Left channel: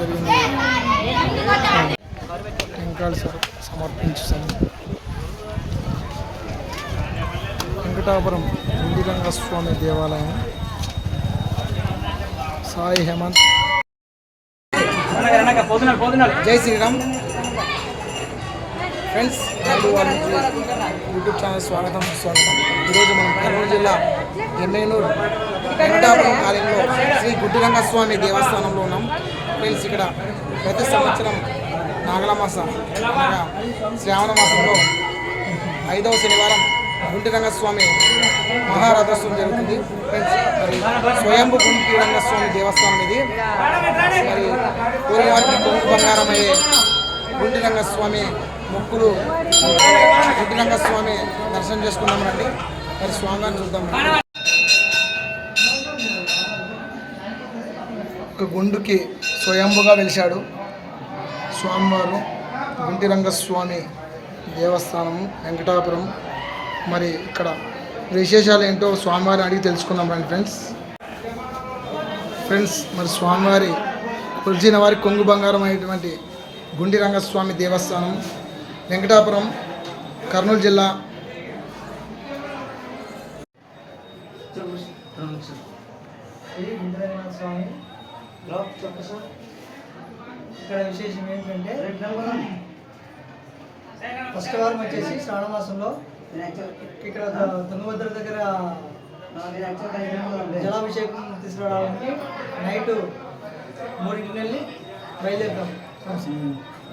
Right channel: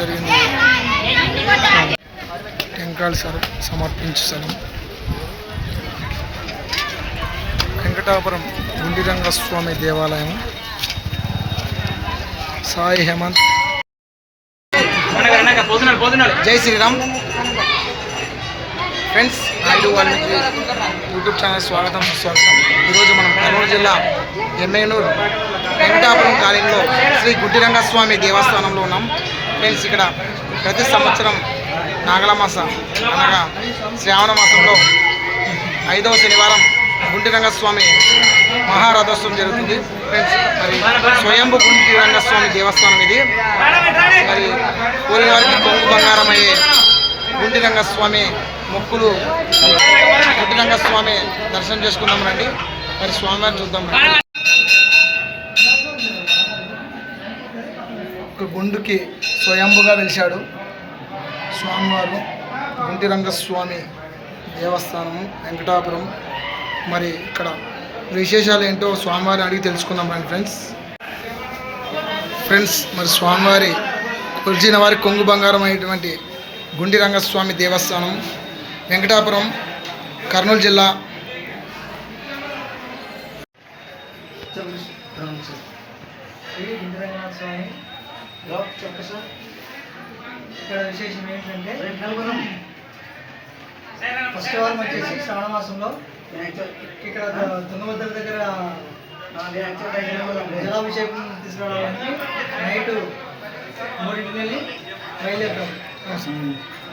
జరిగింది. టెంకాయలు సర్ సమర్పించే స్థలం. వెంకటాపురం గుండిరంగస్వామి దేవాలయం. సాయి హేమంత్. జై Sriram. Friends Naidu Valmiki YouTube channel స్వాగతం స్వాగతం. ఈరోజు మనం కర్నూలు జిల్లా ఎమ్మెనూరు వెంకటాపురం కాలనీలో శ్రీ గుడ్డిరంగస్వామి దేవస్థానంలో ఉన్నాం. ఫ్రెండ్స్ ఇక్కడ ప్రతి సంవత్సరం నాగలమాస అనగా శ్రావణ మాసంలో ఐదవ శనివారం గుంటిరంగస్వామి మహారథోత్సవం జరుగుతుంది. ఫ్రెండ్స్ మరి స్వయంభు గుంటిరంగస్వామి దేవస్థానం ఇది. మరి కోరినవారికి కొంగు బంగారం అయ్యే గుంటిరంగస్వామి మొక్కులు గుంటిరంగస్వామి దర్శనం చేసుకుందాం రండి. మరి స్వామివారిని చూద్దాం రండి. ఒక గుండుకి స్వయంభుగా వెలిశాడు స్వామివారు. గుంటిరంగస్వామి దేవస్థానము వెంకటాపురం. మరి ఇక్కడ విశేషాలు ఏంటో స్వామివారిని అడిగి తెలుసుకుందాం రండి ఫ్రెండ్స్. ఫ్రెండ్స్ మరి స్వామివారి కొలిచిన వారి కొంగు బంగారం అయినటువంటి గుండిరంగస్వామి దేవస్థానం వెంకటాపురం కర్నూలు జిల్లా. స్వామి ఇక్కడ విశేషం ఏంటంటే ఫస్ట్ వారం వచ్చేసి శ్రావణ మాసంలో ఇక్కడ తుంగభద్ర దగ్గర జలాభిషేకం తీసుకురావడానికి నైట్ మూడింటికి వెళ్ళి బయలుదేరుతాం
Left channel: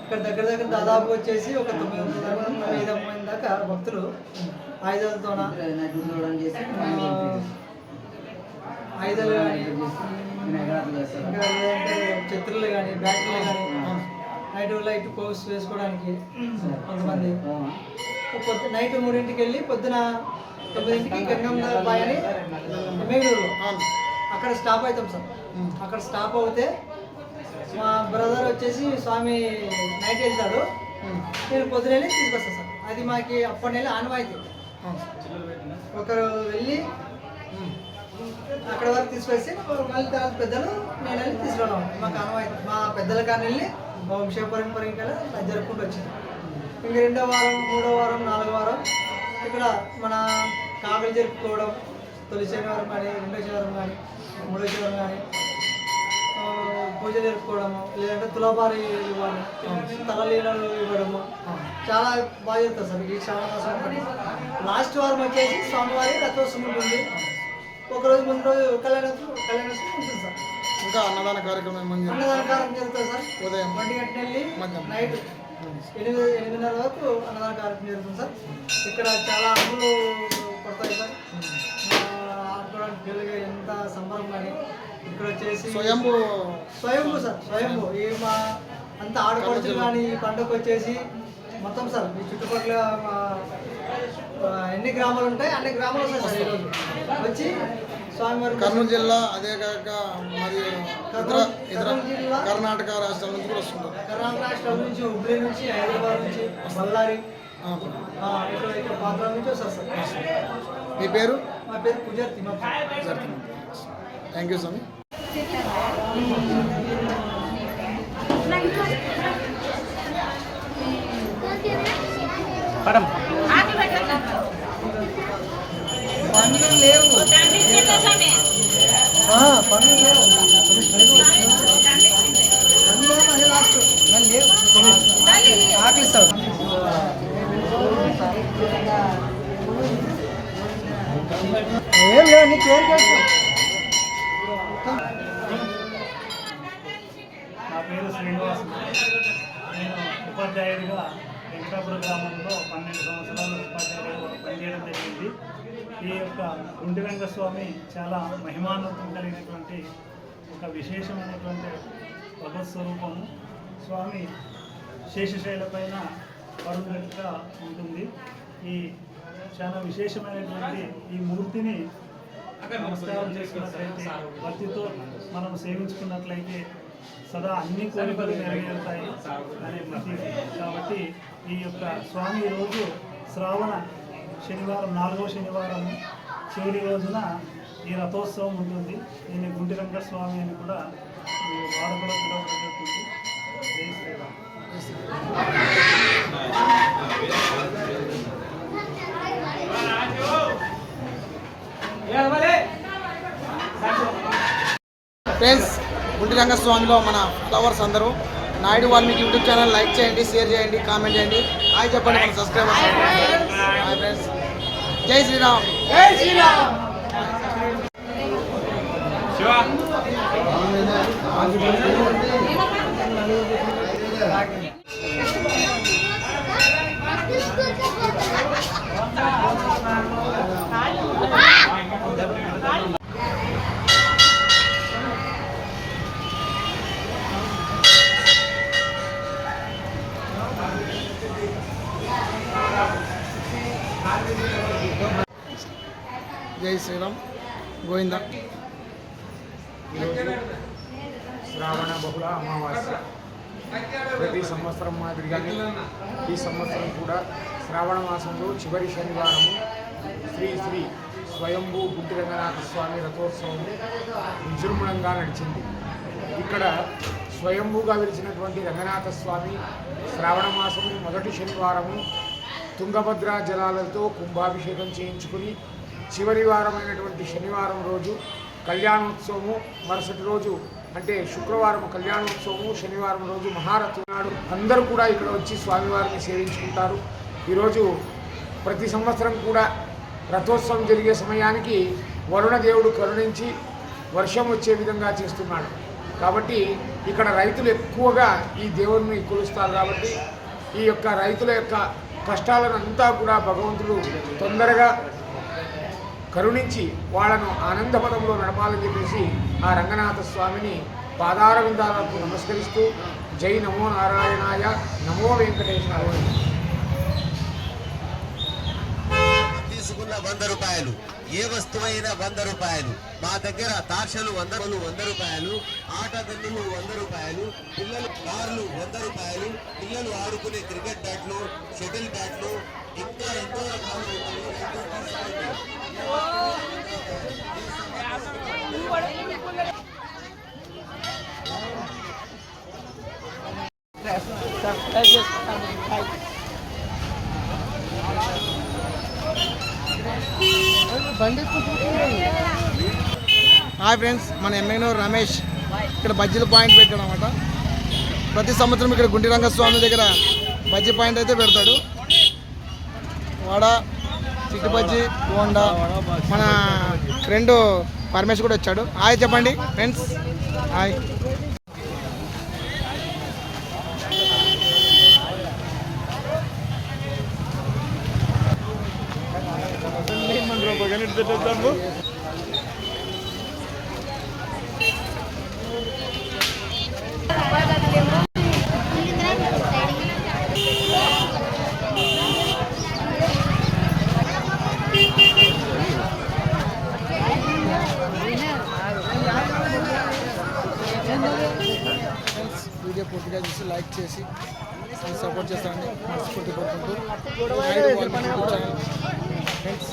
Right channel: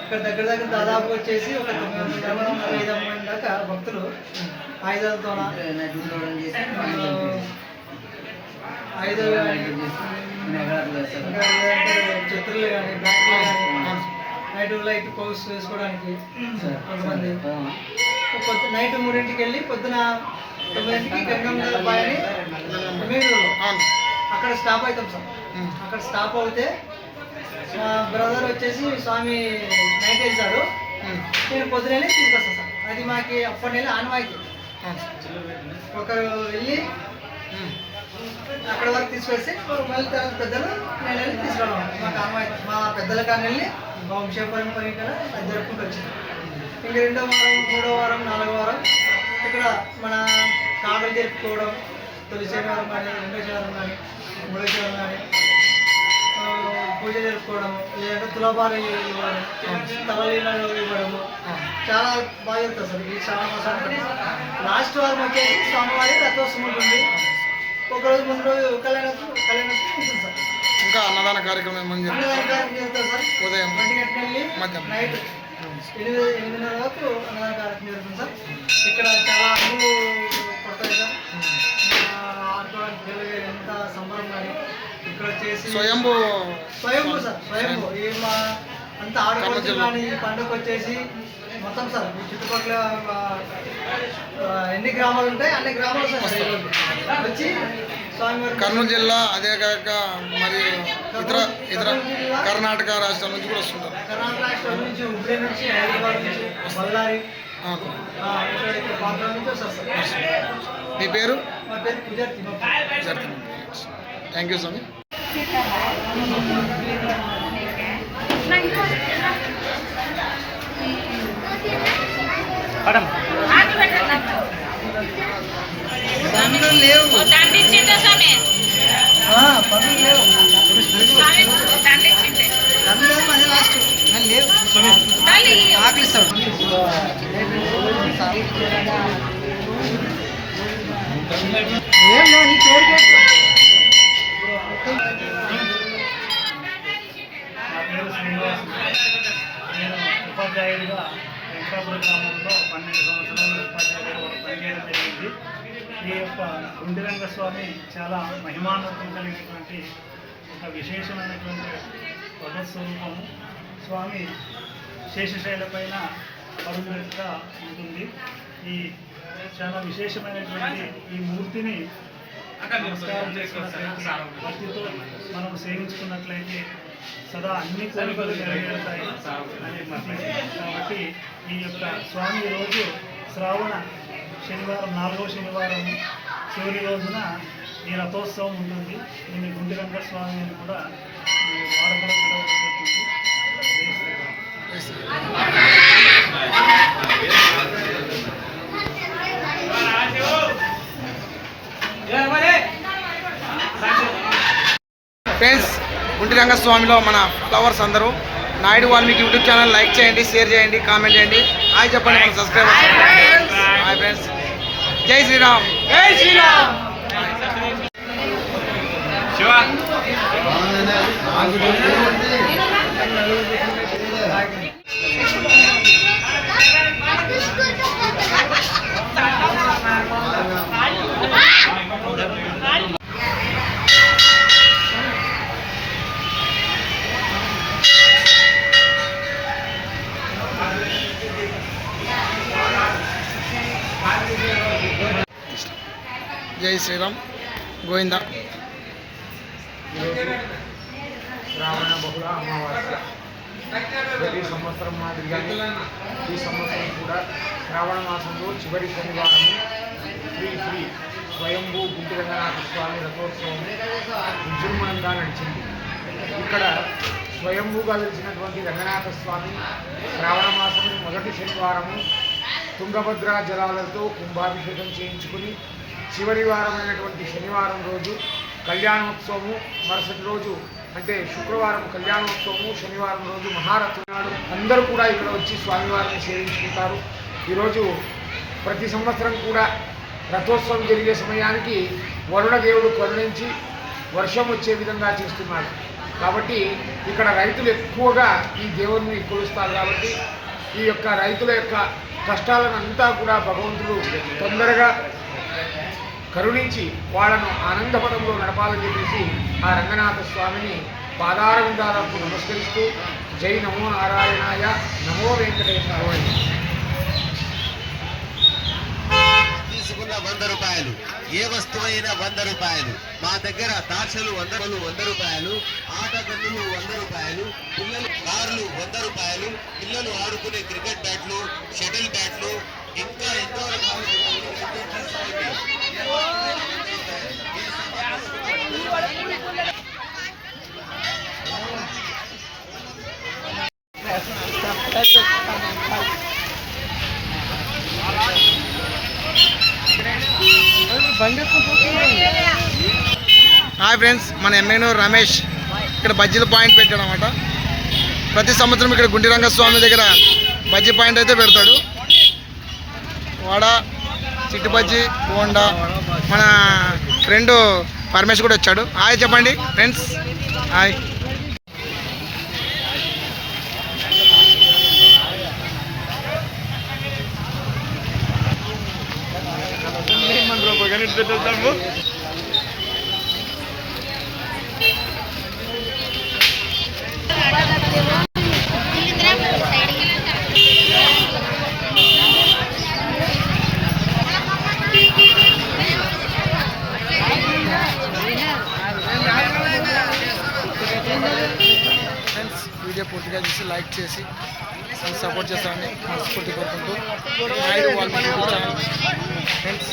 ఇక్కడ దగ్గర దగ్గర దాదాపు వచ్చేసి ఒక తొమ్మిది వందల ఐదు వందల దాకా భక్తులు ఆయుధాలతో ఆయుధాలు చెత్రులు కానీ బ్యాటరీలు కానీ నైట్ లైట్ పోస్ వేసుకోవడానికి కొంతమంది నైట్ మూడింటికి వెళ్ళి పొద్దున తొమ్మిదింటికి గంగమ్మ బాయని అక్కడ స్టాప్ అవుతాం సార్. అక్కడ స్టాప్ అవుతే మా బ్రదర్ వచ్చేసి స్వామి నైట్ వెళ్తాడు నేను పొద్దున వెళ్ళి తీసుకొస్తాను సార్ అది మాకు అప్పటి నెల ఆనవాయితీ. ఒకరు వెళ్ళి అక్కడ వరకు తీసుకొచ్చి మళ్ళీ తర్వాత పెద్దలు నేను వెళ్ళి తీసుకురావడం. మాకు ఆనవాయితీ మా పెద్దల కానీ వెళ్ళి మా వంశపరంపర ఇక్కడ జరుపుకుంటూ వచ్చింది ఇంక రెండో వారం మూడో వారం నాలుగో వారం ఇక్కడ మన కాకులు జరుపుకోవడం తొలి శనివారం కానీ రెండో శనివారం కానీ మూడో శనివారం కానీ పూజ జరుపుకోవడం లేదంటే తులాభారం ఇవ్వడం తలలీలలు ఇవ్వడము చాలా బాగా జరుగుతుంది సార్. ఈ శ్రావణ మాసం లాస్ట్ వారం వచ్చేసి స్వామివారి రథోత్సవం ఉంటుంది. ఒక రోజు ముందు రోజు కళ్యాణ కళ్యాణోత్సవం ఉంటుంది సార్. ఇంకా అన్నదాన కార్యక్రమం ఏమని అన్నదాన కార్యక్రమం సార్. ఉదయం. ఒంటి గంట వెళ్ళి మధ్యాహ్నం. నైట్ ఎనిమిది ఎనిమిదిన్నర వరకు అన్నదాన కార్యక్రమం జరుగుతుంది సార్. ఇక్కడ చాలా అమ్ములు పడతాయి సార్. ఆడుకోవడానికి ఎంత సంబరం కానీ ఇక్కడ వచ్చేసి స్వయంభూ. స్వయంభూ సార్ స్వయంభూ. ఈ మా అంత ఆడుకోవచ్చు కానీ పండుగ వచ్చేసి మొత్తం సార్ ఈ చుట్టుపక్కల ఎన్ని గ్రామాలు ఉంటాయి? అన్ని గ్రామాలు. వచ్చి స్వామివారి కర్నూలు జిల్లా అదే కాక మరియు ఇతర ఇతర కర్ణాటక రాష్ట్రాల నుంచి కూడా వస్తుంటారు. కర్ణాటక రాష్ట్రం నుంచి హుబ్లీ నుంచి హైదరాబాద్ నుంచి బళ్ళారి సార్. మీ పేరు? మా థ్యాంక్ యూ స్వామి. ఆ, పనులు లేవు. పనులు లేవు అదే లాస్ట్ నేను లేవు ఆకలిస్తాడు ఏం లేవు. నా పేరు శ్రీనివాస్. నేను ఉపాధ్యాయుడిగా వెంకటాపురం గ్రామంలో పన్నెండు సంవత్సరాలు ఉపాధ్యాయుడిగా పనిచేయడం జరిగింది. ఈ యొక్క గుండిరంగ స్వామి చాలా మహిమాన్వితం కలిగినటువంటి ఒక విశేషమైనటువంటి స్వరూపము స్వామి శేషశైల పైన పరుగినట్టుగా ఉంటుంది. ఈ చాలా విశేషమైనటువంటి ఈ మూర్తిని నమస్కారం చేసుకున్నట్లయితే భక్తితో మనం సేవించుకున్నట్లయితే సదా అన్ని కోరికలు నెరవేరుతాయి. అనే. కాబట్టి ఈ యొక్క స్వామి రోజు శ్రావణ శనివారం నాలుగో శనివారం చివరి రోజున ఈ రథోత్సవం ఉంటుంది. దీన్ని గుండిరంగ స్వామి అని కూడా వాడకలో పిలవబడుతుంది. ఫ్రెండ్స్ గుంటి రంగస్వామిలో మన ఫ్లవర్స్ అందరూ Naidu Valmiki YouTube channel like చేయండి షేర్ చేయండి కామెంట్ చేయండి. హాయ్ చెప్పండి మన సబ్స్క్రైబర్స్. Hi friends. జై శ్రీరామ్. జై శ్రీరామ్. జై శ్రీరామ్. గోవింద. శ్రావణ బహుళ అమావాస్య. ప్రతి సంవత్సరం మాదిరిగానే ఈ సంవత్సరం కూడా శ్రావణ మాసంలో చివరి శనివారము శ్రీ శ్రీ స్వయంభూ గుంటి రంగనాథ స్వామి రథోత్సవం విజృంభణంగా నడిచింది. ఇక్కడ స్వయంభూగా వెలిసినటువంటి రంగనాథ స్వామి శ్రావణ మాసము మొదటి శనివారము తుంగభద్రా జలాలతో కుంభాభిషేకం చేయించుకుని చివరి వారమైనటువంటి శనివారం రోజు కళ్యాణోత్సవము. మరుసటి రోజు అంటే శుక్రవారం కళ్యాణోత్సవము శనివారం రోజు మహారథి నాడు అందరూ కూడా ఇక్కడ వచ్చి స్వామివారిని సేవించుకుంటారు. ఈరోజు ప్రతి సంవత్సరం కూడా రథోత్సవం జరిగే సమయానికి వరుణ దేవుడు కరుణించి వర్షం వచ్చే విధంగా చేస్తున్నాడు. కాబట్టి ఇక్కడ రైతులు ఎక్కువగా ఈ దేవుడిని కొలుస్తారు కాబట్టి ఈ యొక్క రైతుల యొక్క కష్టాలను అంతా కూడా భగవంతుడు తొందరగా కరుణించి వాళ్ళను ఆనందపదంలో నడపాలని చెప్పేసి ఆ రంగనాథ స్వామిని పాదారవిందాలకు నమస్కరిస్తూ జై నమో నారాయణాయ నమో వెంకటేశ్వరాయ తీసుకున్న వంద రూపాయలు ఏ వస్తువైనా వంద రూపాయలు మా దగ్గర తార్షలు వంద వంద రూపాయలు ఆట గన్నులు వంద రూపాయలు పిల్లలు కార్లు వంద రూపాయలు పిల్లలు ఆడుకునే క్రికెట్ బ్యాట్లు షటిల్ బ్యాట్లు ఇంకా ఎన్నో రకాలు ఉన్నాయి. ఎంతో తీసుకోండి. ఏ వస్తువైనా వంద రూపాయలు. ఏ సంపాదించుకున్నా హాయ్ ఫ్రెండ్స్ మన ఎమ్మెనూరు రమేష్ ఇక్కడ బజ్జీల పాయింట్ పెట్టాడు అనమాట ప్రతి సంవత్సరం ఇక్కడ గుండి రంగస్వామి దగ్గర బజ్జీ పాయింట్ అయితే పెడతాడు. వడ చిట్టి బజ్జీ బోండా మన ఫ్రెండ్ పరమేష్ కూడా వచ్చాడు. హాయ్ చెప్పండి ఫ్రెండ్స్. హాయ్. ఫ్రెండ్స్ వీడియో పూర్తిగా చూసి లైక్ చేసి సపోర్ట్ చేస్తామని మనస్ఫూర్తి కోరుకుంటూ. నాయుడు వాళ్ళ యూట్యూబ్ ఛానల్. ఫ్రెండ్స్